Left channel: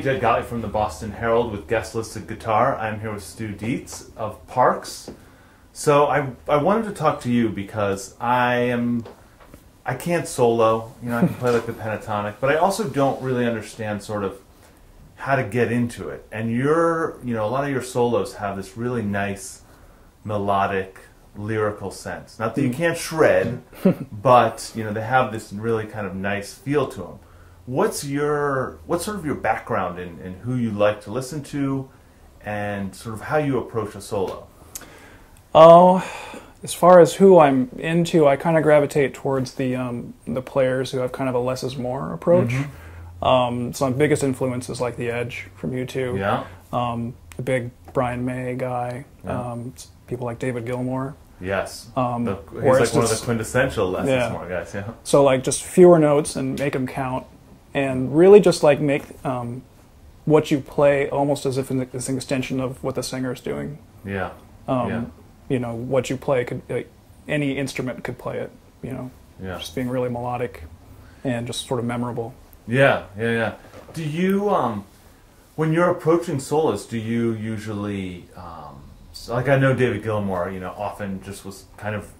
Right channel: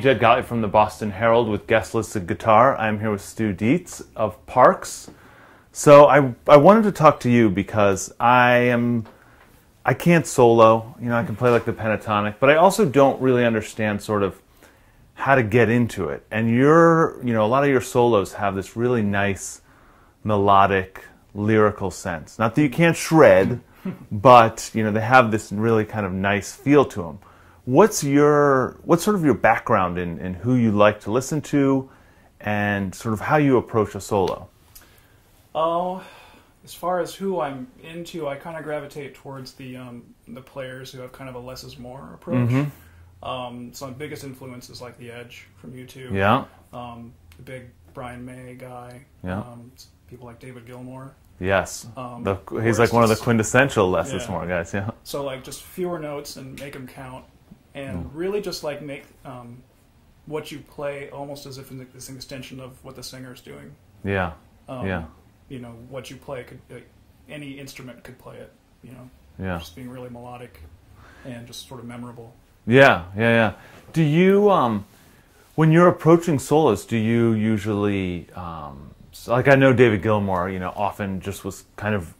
Jed Gottlieb from the Boston Herald with Guestlisted Guitar. I'm here with Stu Dietz of Parks. So I wanted to talk to you because I can't solo, you know, I can play like the pentatonic, but I also don't really understand sort of how to get into it. And a lot of your solos have this really nice melodic, lyrical sense. Not that you can't shred, but you know, they have this really kind of nice feel to them. What's sort of your background in who you like to listen to and sort of how you approach a solo? Oh, as far as who I'm into, I kind of gravitate towards the players who have kind of a less is more approach. Mm-hmm. So my biggest influence is like The Edge from U2. Yeah. The big Brian May guy. Yeah. People like David Gilmour. Yes. He's like one of the quintessential less is more guys. Yeah. So like just fewer notes and make them count, and really just like make what you play almost as if it's an extension of what the singer's doing. Yeah. You know, what you play could, any instrument could play it, you know. Yeah. Just being really melodic and just sort of memorable. Yeah. Do you, when you're approaching solos, do you usually, like I know David Gilmour, you know, often just was kind of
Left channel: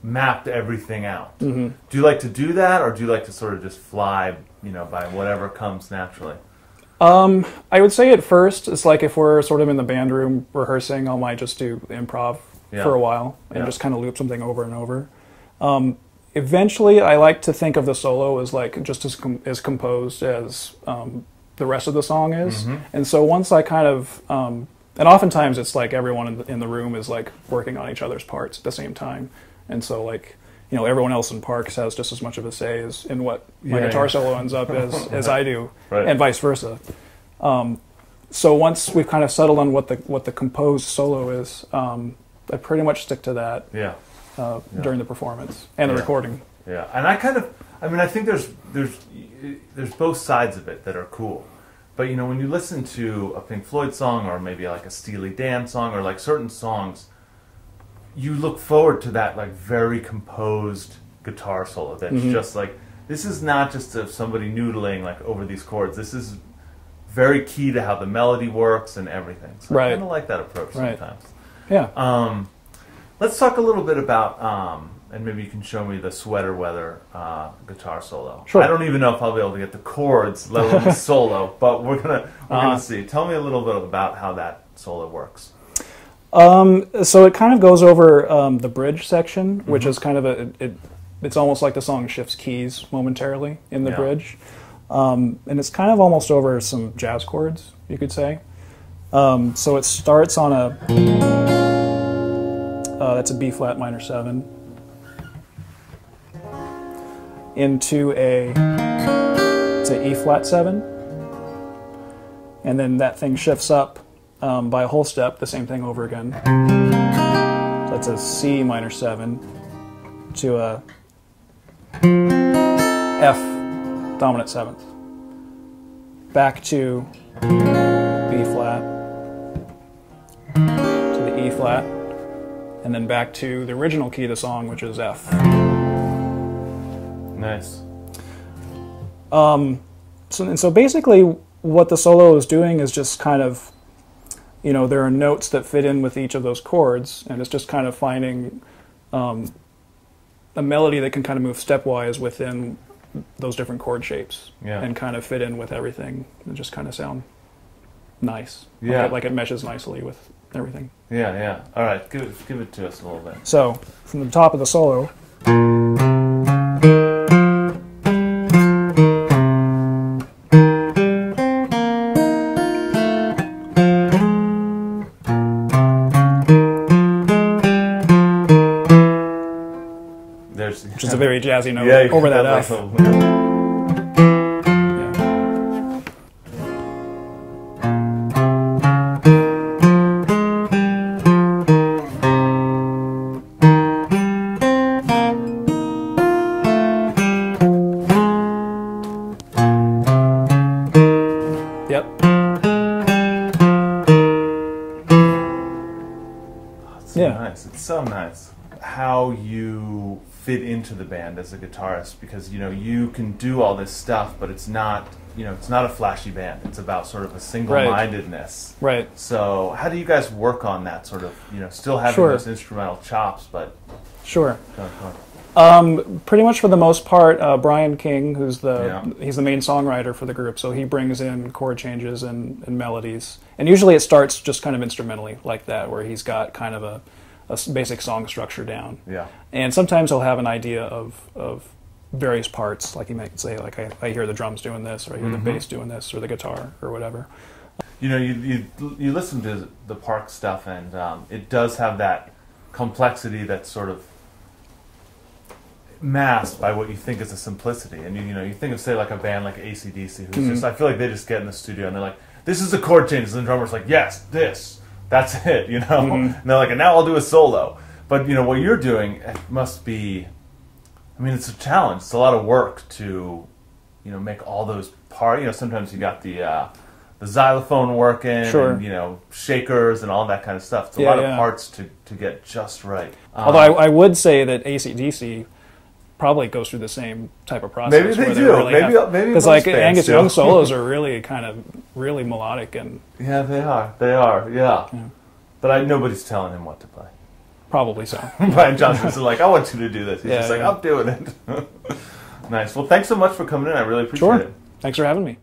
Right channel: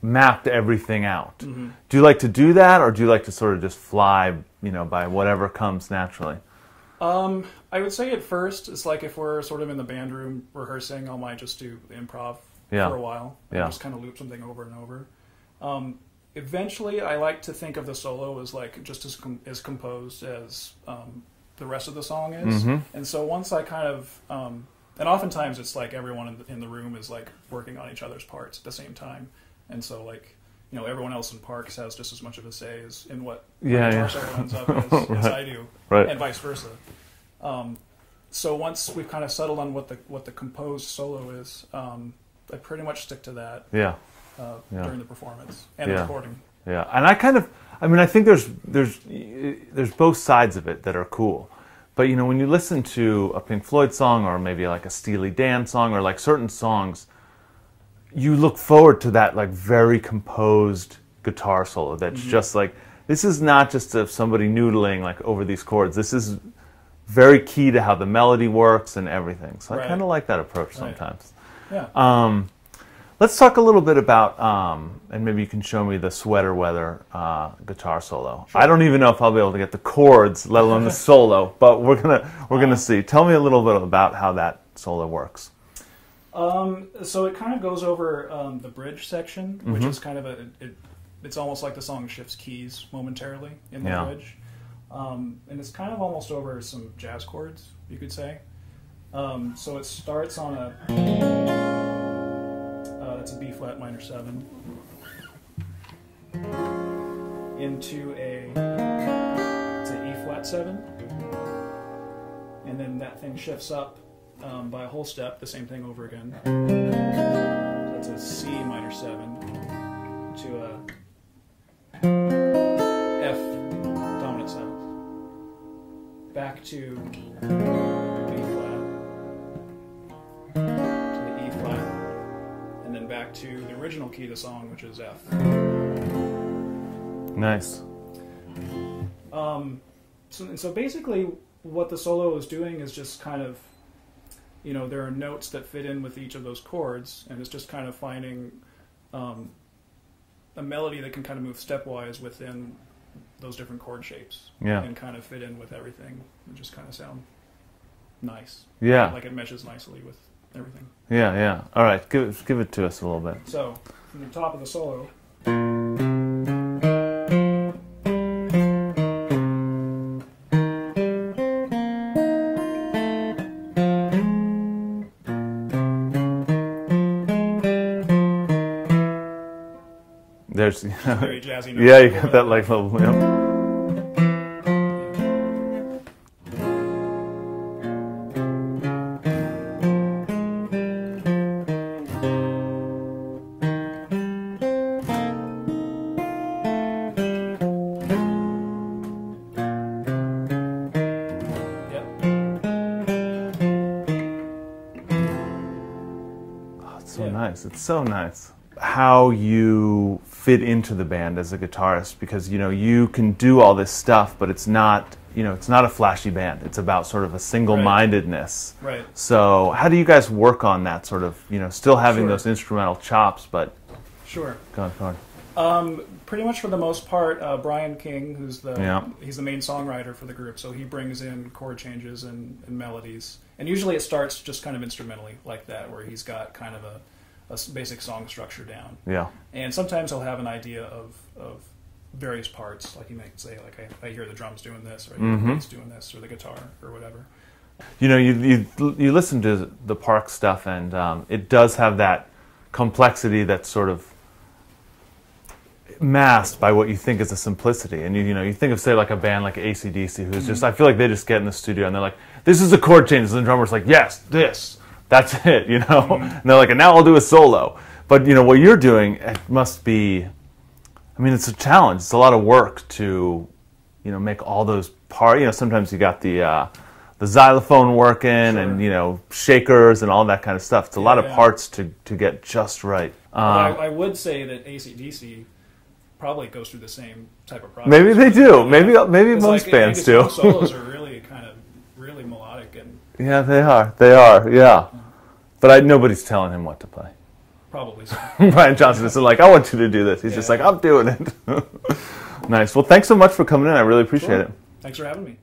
mapped everything out. Mm-hmm. Do you like to do that, or do you like to sort of just fly, you know, by whatever comes naturally? I would say at first, it's like if we're sort of in the band room rehearsing, I might just do improv for a while and just kind of loop something over and over. Eventually, I like to think of the solo as like just as composed as the rest of the song is. Mm-hmm. And so once I kind of, and oftentimes it's like everyone in the room is like working on each other's parts at the same time. And so like, you know, everyone else in Parks has just as much of a say as in what my guitar solo ends up as I do, and vice versa. So once we've kind of settled on what the composed solo is, I pretty much stick to that during the performance and the recording. Yeah, and I think there's both sides of it that are cool. But you know, when you listen to a Pink Floyd song or maybe like a Steely Dan song or like certain songs, you look forward to that like very composed guitar solo that's just like, this is not just somebody noodling like over these chords. This is very key to how the melody works and everything. So I kind of like that approach sometimes. Yeah. Let's talk a little bit about, and maybe you can show me the Sweater Weather guitar solo. Sure. I don't even know if I'll be able to get the chords, let alone the solo, but we're gonna see. Tell me a little bit about how that solo works. So it kind of goes over the bridge section, which is kind of it's almost like the song shifts keys momentarily in the bridge. And it's kind of almost over some jazz chords, you could say. So it starts on that's a B flat minor 7 into it's a E flat 7, and then that thing shifts up by a whole step, the same thing over again. So that's a C minor 7 to a F dominant 7th, back to B flat, to the E flat, and then back to the original key of the song, which is F. Nice. So basically what the solo is doing is just kind of, you know, there are notes that fit in with each of those chords, and it's just kind of finding a melody that can kind of move stepwise within those different chord shapes and kind of fit in with everything and just kind of sound nice. Yeah. Like it meshes nicely with everything. Yeah. All right, give it to us a little bit. So, from the top of the solo. Which is a very jazzy note over that F. Yep. Oh, it's so nice. It's so nice. how you fit into the band as a guitarist, because you can do all this stuff, but it's not it's not a flashy band. It's about sort of a single-mindedness. Right. So how do you guys work on that sort of still having those instrumental chops, but sure. Go on. Pretty much for the most part, Brian King, he's the main songwriter for the group, so he brings in chord changes and melodies. And usually it starts just kind of instrumentally like that, where he's got kind of a basic song structure down. Yeah. And sometimes he'll have an idea of various parts, like he might say, like, I hear the drums doing this, or I hear the bass doing this, or the guitar, or whatever. You listen to the Parks stuff, and it does have that complexity that's sort of masked by what you think is a simplicity. And you think of, say, like a band like AC/DC, who's just, I feel like they just get in the studio and they're like, this is a chord change, and the drummer's like, yes, that's it, and they're like, and now I'll do a solo. But what you're doing, it must be, it's a challenge. It's a lot of work to make all those parts. Sometimes you got the xylophone working, and shakers and all that kind of stuff. It's a lot of parts to get just right. Although I would say that AC/DC probably goes through the same type of process. Maybe they do. Really maybe most like bands Angus do. Young solos are really really melodic and yeah, they are. They are. Yeah. But nobody's telling him what to play. Probably so. Brian Johnson is like, I want you to do this. He's just like, I'm doing it. Nice. Well, thanks so much for coming in. I really appreciate it. Thanks for having me.